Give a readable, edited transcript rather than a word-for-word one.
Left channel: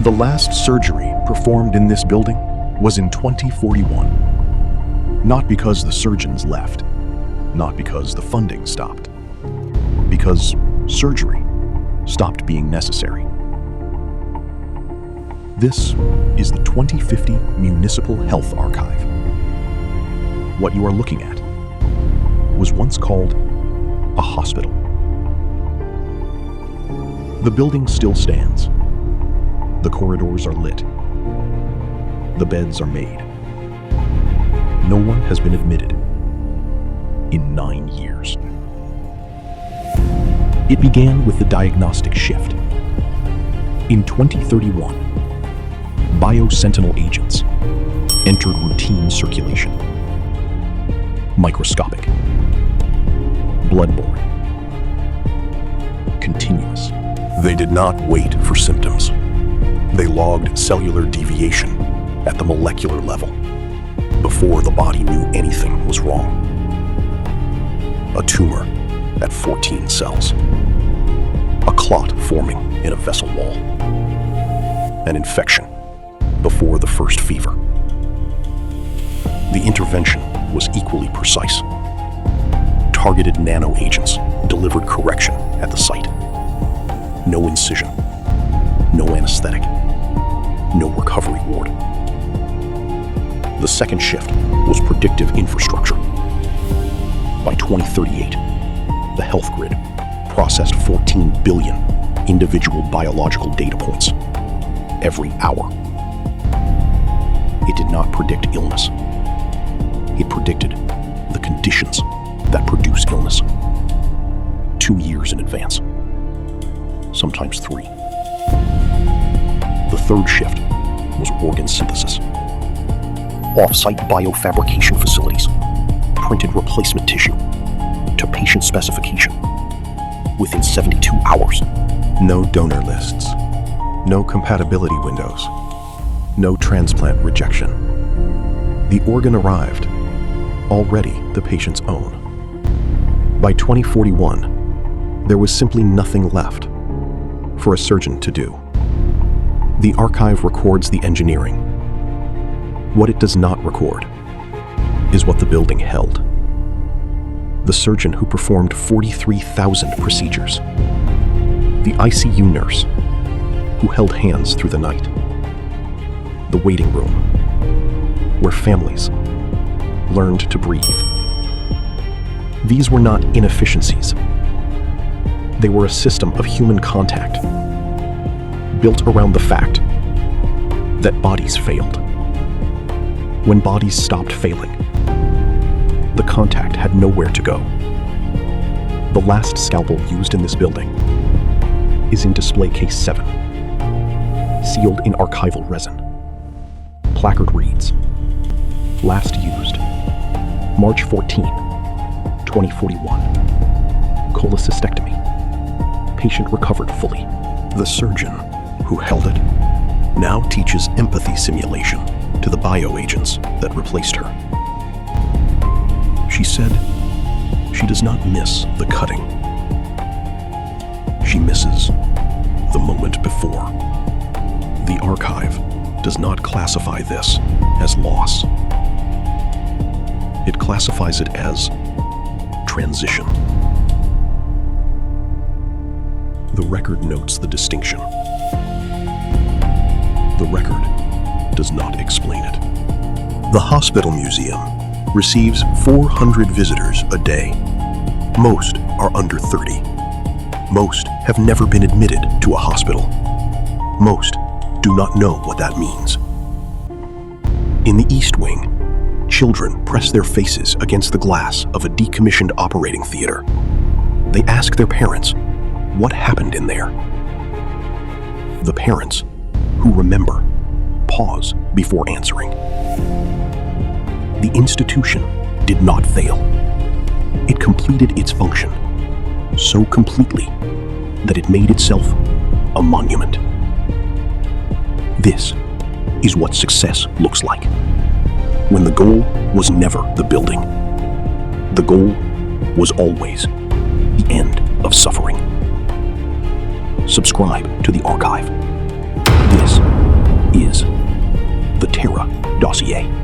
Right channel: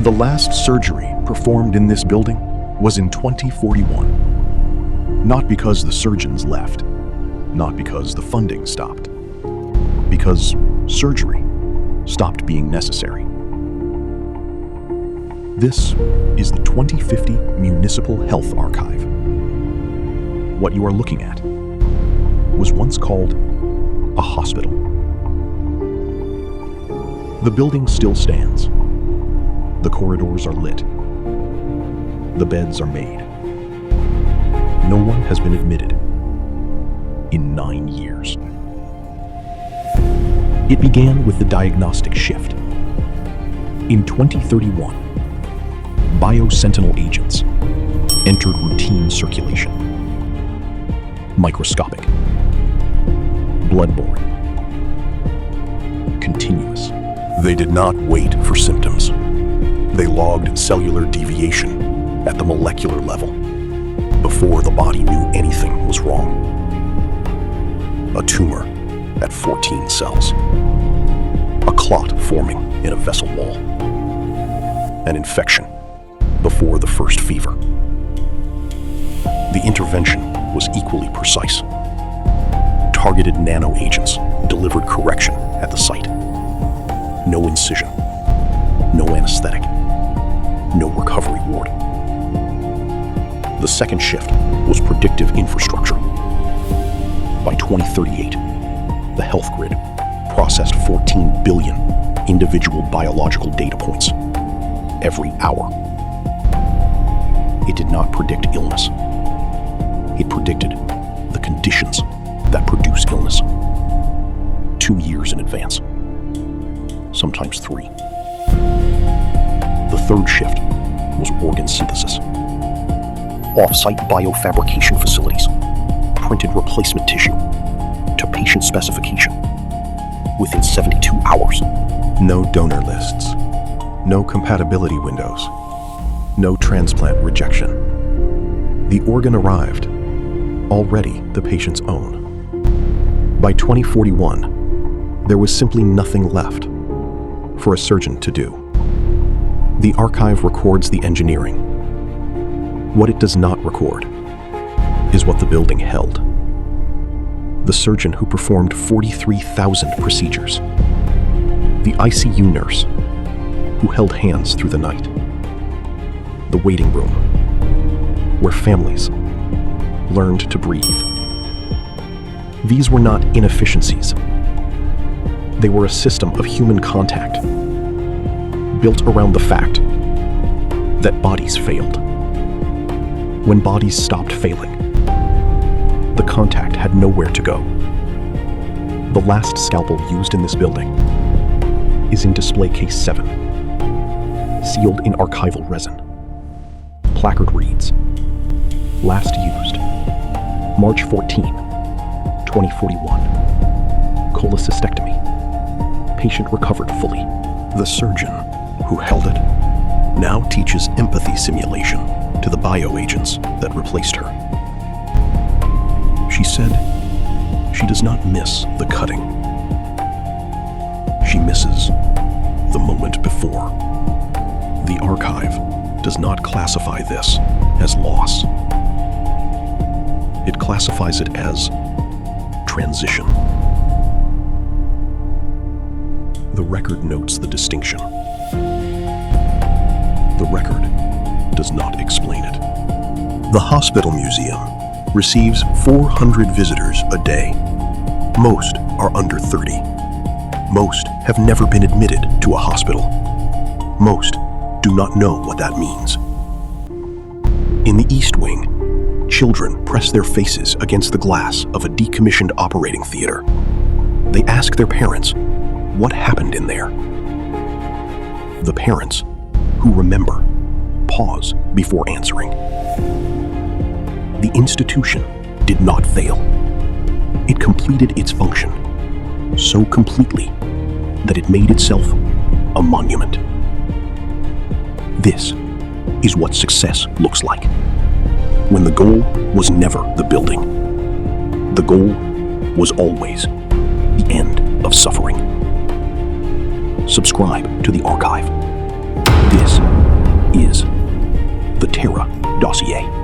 The last surgery performed in this building was in 2041. Not because the surgeons left, not because the funding stopped, because surgery stopped being necessary. This is the 2050 Municipal Health Archive. What you are looking at was once called a hospital. The building still stands. The corridors are lit. The beds are made. No one has been admitted in 9 years. It began with the diagnostic shift. In 2031, Bio-sentinel agents entered routine circulation. Microscopic, bloodborne, continuous. They did not wait for symptoms. They logged cellular deviation at the molecular level before the body knew anything was wrong. A tumor at 14 cells. A clot forming in a vessel wall. An infection before the first fever. The intervention was equally precise. Targeted nano-agents delivered correction at the site. No incision, no anesthetic, no recovery ward. The second shift was predictive infrastructure. By 2038, the health grid processed 14 billion individual biological data points every hour. It did not predict illness. It predicted the conditions that produce illness 2 years in advance, sometimes 3. The third shift was organ synthesis. Off-site biofabrication facilities printed replacement tissue to patient specification within 72 hours. No donor lists, no compatibility windows, no transplant rejection. The organ arrived, already the patient's own. By 2041, there was simply nothing left for a surgeon to do. The archive records the engineering. What it does not record is what the building held. The surgeon who performed 43,000 procedures. The ICU nurse who held hands through the night. The waiting room where families learned to breathe. These were not inefficiencies. They were a system of human contact built around the fact that bodies failed. When bodies stopped failing, the contact had nowhere to go. The last scalpel used in this building is in display case 7, sealed in archival resin. Placard reads, last used, March 14, 2041. Cholecystectomy. Patient recovered fully. The surgeon who held it now teaches empathy simulation to the bio-agents that replaced her. She said she does not miss the cutting. She misses the moment before. The archive does not classify this as loss. It classifies it as transition. The record notes the distinction. The record does not explain it. The hospital museum receives 400 visitors a day. Most are under 30. Most have never been admitted to a hospital. Most do not know what that means. In the East Wing, children press their faces against the glass of a decommissioned operating theater. They ask their parents, what happened in there? The parents, who remember, pause before answering. The institution did not fail. It completed its function so completely that it made itself a monument. This is what success looks like. When the goal was never the building. The goal was always the end of suffering. Subscribe to the archive. This Dossier.